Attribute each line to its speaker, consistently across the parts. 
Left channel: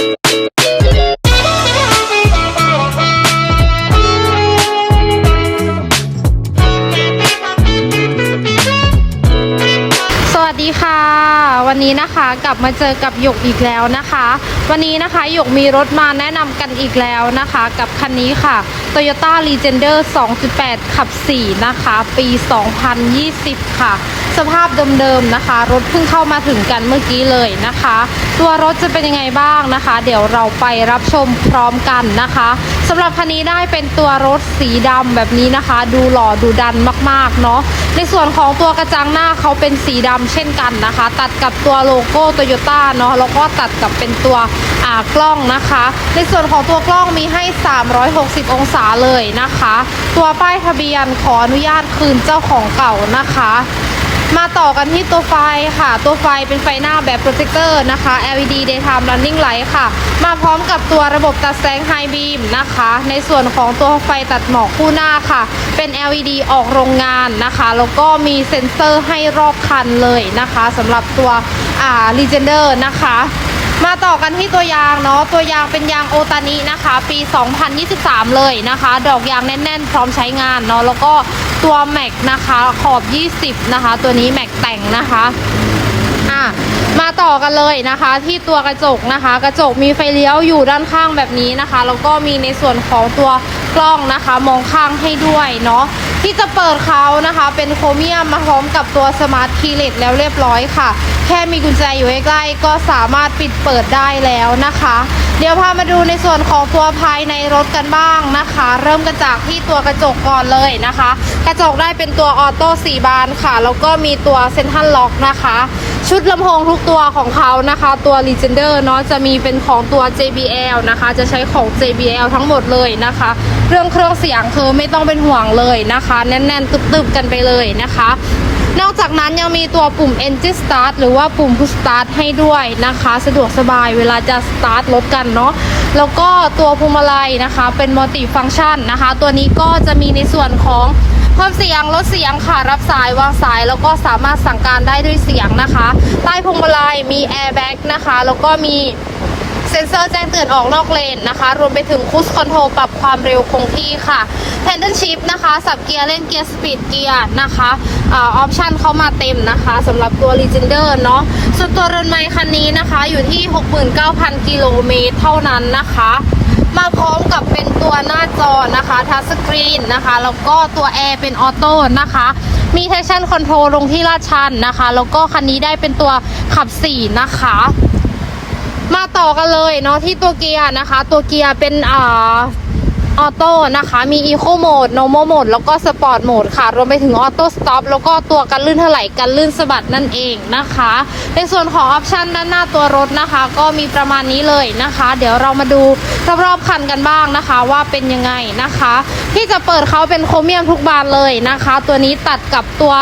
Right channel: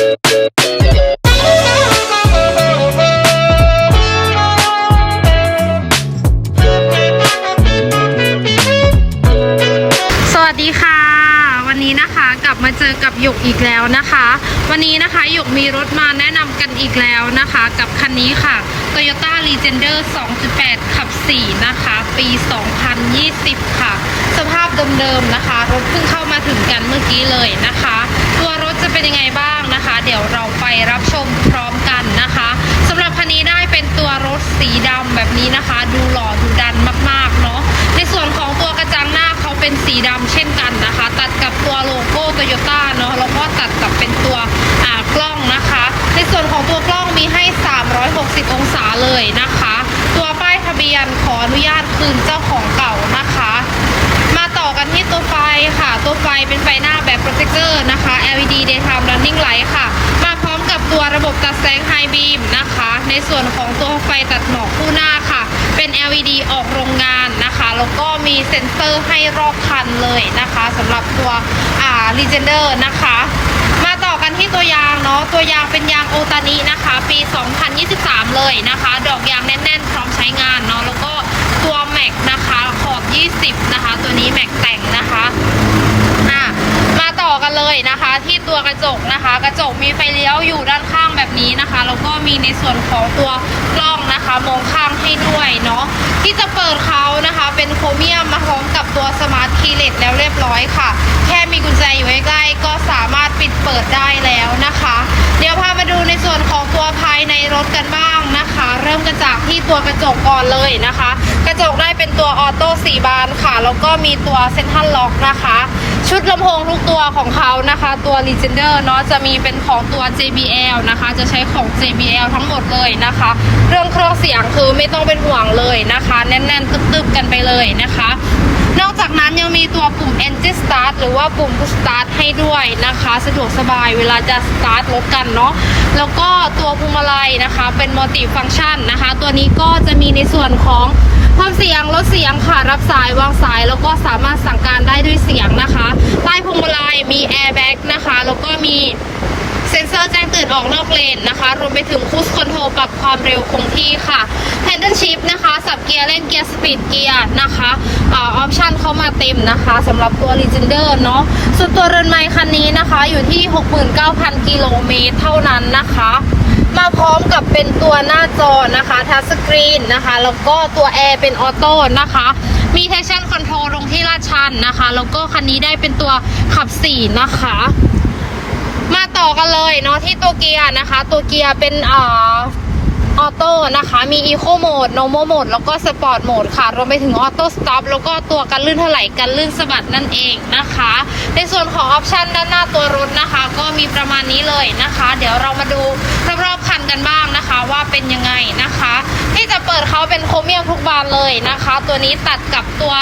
Speaker 1: Thank you. วัสดีค่ะ วันนี้นะคะกลับมาเจอกับหยกอีกแล้วนะคะ วันนี้นะคะหยกมีรถมาแนะนำกันอีกแล้วนะคะ กับคันนี้ค่ะ Toyota Legender 2.8 ขับ 4 นะคะ ปี 2020 ค่ะ สภาพเดิมๆนะคะ รถเพิ่งเข้ามาถึงกันเมื่อกี้เลยนะคะ ตัวรถจะเป็นยังไงบ้างนะคะ เดี๋ยวเราไปรับชมพร้อมกันนะคะสำหรับคันนี้ได้เป็นตัวรถสีดำแบบนี้นะคะ ดูหล่อดูดันมากๆเนาะในส่วนของตัวกระจังหน้าเขาเป็นสีดำเช่นกันนะคะ ตัดกับตัวโลโก้โตโยต้าเนาะแล้วก็ตัดกับเป็นตัวอ่ากล้องนะคะ ในส่วนของตัวกล้องมีให้ 360 องศาเลยนะคะ ตัวป้ายทะเบียนขออนุญาตคืนเจ้าของเก่านะคะ มาต่อกันที่ตัวไฟค่ะ ตัวไฟเป็นไฟหน้าแบบโปรเจคเตอร์นะคะ LED daytime running light ค่ะ กับตัวระบบตัดแสง High beam นะคะ ในส่วนของตัวไฟตัดหมอกคู่หน้าค่ะ เป็น LED ออกโรงงานนะคะแล้วก็มีเซ็นเซอร์ให้รอบคันเลยนะคะสำหรับตัวอ่า Legender นะคะมาต่อกันที่ตัวยางเนาะตัวยางเป็นยางโอตานินะคะ ปี 2023 เลยนะคะ ดอกยางแน่นๆ พร้อมใช้งานเนาะแล้วก็ตัวแม็กนะคะขอบ 20 นะคะ ตัวนี้แม็กแต่งนะคะมาต่อกันเลยนะคะ ที่ตัวกระจกนะคะ กระจกมีไฟเลี้ยวอยู่ด้านข้างแบบนี้นะคะแล้วก็มีในส่วนของตัวกล้องนะคะ มองข้างให้ด้วยเนาะที่จะเปิดเขานะคะ เป็นโครเมียมมาพร้อมกับตัวสมาร์ทคีเลสแล้วเรียบร้อยค่ะ แค่มีกุญแจอยู่ใกล้ๆก็สามารถปิดเปิดได้แล้วนะคะ เดี๋ยวพามาดูในส่วนของตัว ริ่มกันจากที่ตัวกระจกก่อนเลยนะคะ กระจกได้เป็นตัวออโต้สีบานค่ะ แล้วก็มีตัวเซ็นทัลล็อกนะคะ ชุดลำโพงทุกตัวของเขานะคะ ตัว Legender เนาะจะมีเป็นของตัว JBL นะคะ จะใช้ของ JBL ทั้งหมดเลยนะคะ เรื่องเครื่องเสียงคือไม่ต้องเป็นห่วงเลยนะคะ แน่นๆตึบๆกันไปเลยนะคะ ปุ่ม Engine Start หรือว่าปุ่ม Push Start ให้ด้วยนะคะ สะดวกสบายเวลาจะ Start รถกันเนาะแล้วก็ตัวพวงมาลัยนะคะเป็นมัลติฟัง c t ชันนะคะ ตัวนี้ก็จะมีในส่วนของเพิ่มเสียงลดเสียงค่ะรับสายวางสาย แล้วก็สามารถสั่งการได้ด้วยเสียงนะคะ ใต้พวงมาลัยมี Airbag นะคะ แล้วก็มี เซ็นเซอร์แจ้งเตือนออกนอกเลนนะคะ รวมไปถึงคูสคอนโทรลปรับความเร็วคงที่ค่ะแ a นเดิลชิพนะคะสับเกียร์เล่นเกียร์สปีดเกียร์นะคะออปชั่นเข้ามาเต็มนะคะสำหรับตัว Legender เนาะส่วนตัวเรือนไม้คันนี้นะคะอยู่ที่ 69,000 กิโลเมตรเท่านั้นนะคะมาพร้อมกับเป็นตัวหน้าจอนะคะทัชสกรีนนะคะ แล้วก็ตัวแอร์เป็นออโต้นะคะ มี traction control ลงที่ลาดชันนะคะ แล้วก็คันนี้ได้เป็นตัวขับ4นะคะ มาต่อกันเลยเนาะที่ตัวเกียร์นะคะ ตัวเกียร์เป็นอ่า โต้นะคะ มี Eco Mode Normal Mode แล้วก็ Sport Mode ค่ะ รวมไปถึง Auto Stop แล้วก็ตัวกันลื่นถลายกันลื่นสะบัดนั่นเองนะคะ ในส่วนของออปชันด้านหน้าตัวรถนะคะ ก็มีประมาณนี้เลยนะคะ เดี๋ยวเรามาดูรอบๆคันกันบ้างนะคะ ว่าเป็นยังไงนะคะ ที่จะเปิดเขาเป็นโครเมียมทุกบานเลยนะคะ ตัวนี้ตัดกับตัว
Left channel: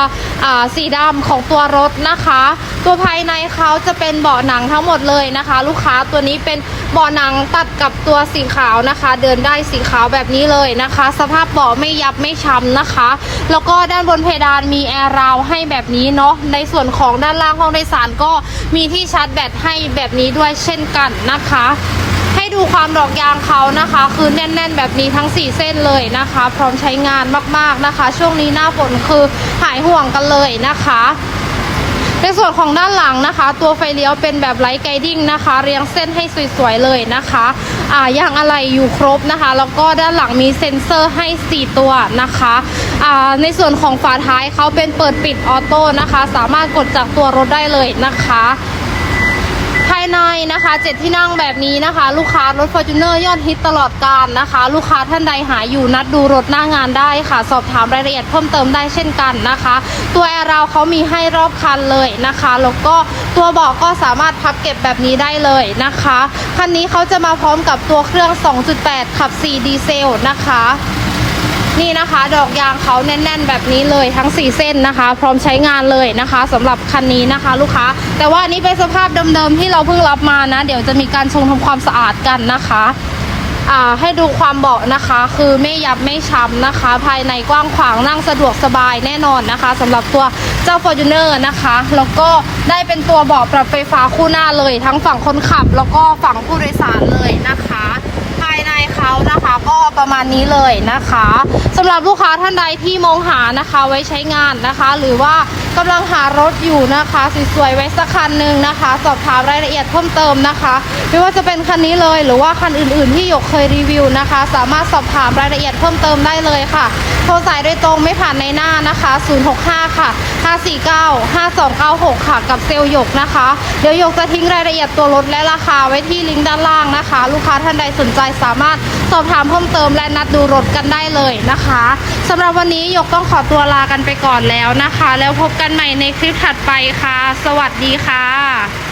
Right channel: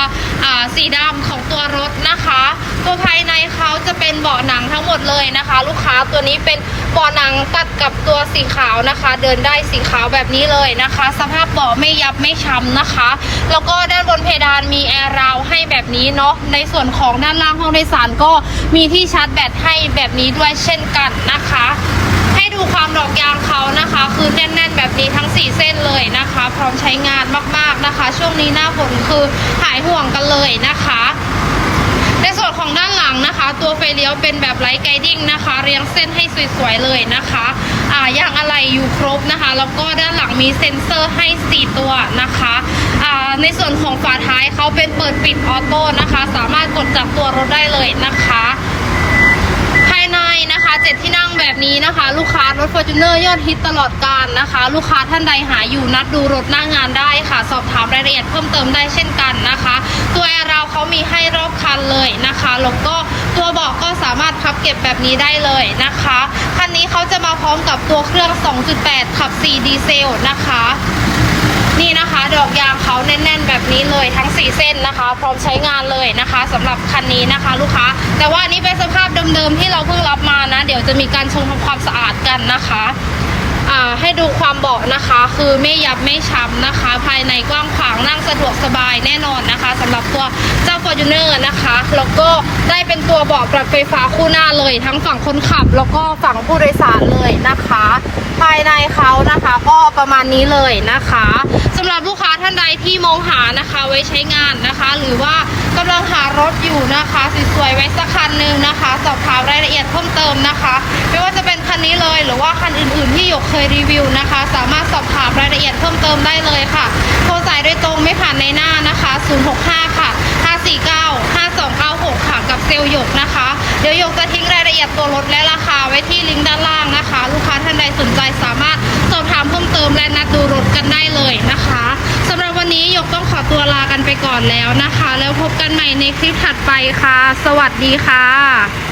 Speaker 1: สีดำของตัวรถนะคะ ตัวภายในเขาจะเป็นเบาะหนังทั้งหมดเลยนะคะ ลูกค้าตัวนี้เป็นเบาะหนังตัดกับตัวสีขาวนะคะ เดินได้สีขาวแบบแบบนี้เลยนะคะ สภาพเบาะไม่ยับไม่ช้ำนะคะ แล้วก็ด้านบนเพดานมีแอร์ราวให้แบบนี้เนาะในส่วนของด้านล่างห้องโดยสารก็มีที่ชาร์จแบตให้แบบนี้ด้วยเช่นกันนะคะ ให้ดูความดอกยางเขานะคะ คือแน่น ๆ แบบนี้ทั้ง 4 เส้นเลยนะคะ พร้อมใช้งานมากๆนะคะ ช่วงนี้หน้าฝนคือหายห่วงกันเลยนะคะ ส่วนของด้านหลังนะคะ ตัวไฟเลี้ยวเป็นแบบไลท์ไกดิ้งนะคะ เรียงเส้นให้สวยๆเลยนะคะอ่ายางอะไรอยู่ครบนะคะ แล้วก็ด้านหลังมีเซ็นเซอร์ให้ 4 ตัวนะคะอ่าในส่วนของฝาท้ายเขาเป็นเปิดปิดออโต้นะคะ สามารถกดจากตัวรถได้เลยนะคะ ในนะคะเจ็ดที่นั่งแบบนี้นะคะ ลูกค้ารถ Fortuner ยอดฮิตตลอดการนะคะ ลูกค้าท่านใดหาอยู่นัดดูรถหน้างานได้ค่ะ สอบถามรายละเอียดเพิ่มเติมได้เช่นกันนะคะ ตัวแอร์เราเขามีให้รอบคันเลยนะคะแล้วก็ตัวเบาะก็สามารถพับเก็บแบบนี้ได้เลยนะคะคันนี้เขาจะมาพร้อมกับตัวเครื่อง 2.8 ขับ 4 ดีเซลนะคะ นี่นะคะ ดอกยางเขาแน่น ๆ แบบนี้เลยทั้ง 4 เส้นนะคะ พร้อมใช้งานเลยนะคะสำหรับคันนี้นะคะ ลูกค้า แต่ว่านี้เป็นสภาพเดิมๆที่เราเพิ่งรับมานะ เดี๋ยวจะมีการชงทำความสะอาดกันนะคะ ให้ดูความเบาะนะคะ คือไม่ยับไม่ช้ำนะคะ ภายในกว้างขวางนั่งสะดวกสบายแน่นอนนะคะสำหรับตัวเจ้า Fortuner นะคะ แล้วก็ได้เป็นตัวเบาะปรับไฟฟ้าคู่หน้าเลย ทั้งฝั่งคนขับ แล้วก็ฝั่งผู้โดยสารเลยนะคะ ภายในเขานะคะก็ประมาณนี้เลยนะคะสำหรับลูกค้าท่านใดที่มองหานะคะไว้ใช้งานนะคะ หรือว่า กำลังหารถอยู่นะคะสวยๆไว้สักคันหนึ่งนะคะ สอบถามรายละเอียดเพิ่มเติมนะคะ ไม่ว่าจะเป็นคันนี้เลยหรือว่าคันอื่นๆที่หยกเคยรีวิวนะคะ สามารถสอบถามรายละเอียดเพิ่มเติมได้เลยค่ะโทรสายโดยตรงไม่ผ่านในหน้านะคะ 065 ค่ะ 549 5296 ค่ะกับเซลล์หยกนะคะ เดี๋ยวหยกจะทิ้งรายละเอียดตัวรถและราคาไว้ที่ลิงก์ด้านล่างนะคะ ลูกค้าท่านใดสนใจสามารถามเพิ่มเติมและนัดดูรถกันได้เลยนะคะสำหรับวันนี้ยกต้องขอตัวลากันไปก่อนแล้วนะคะ แล้วพบกันใหม่ในคลิปถัดไปค่ะ สวัสดีค่ะ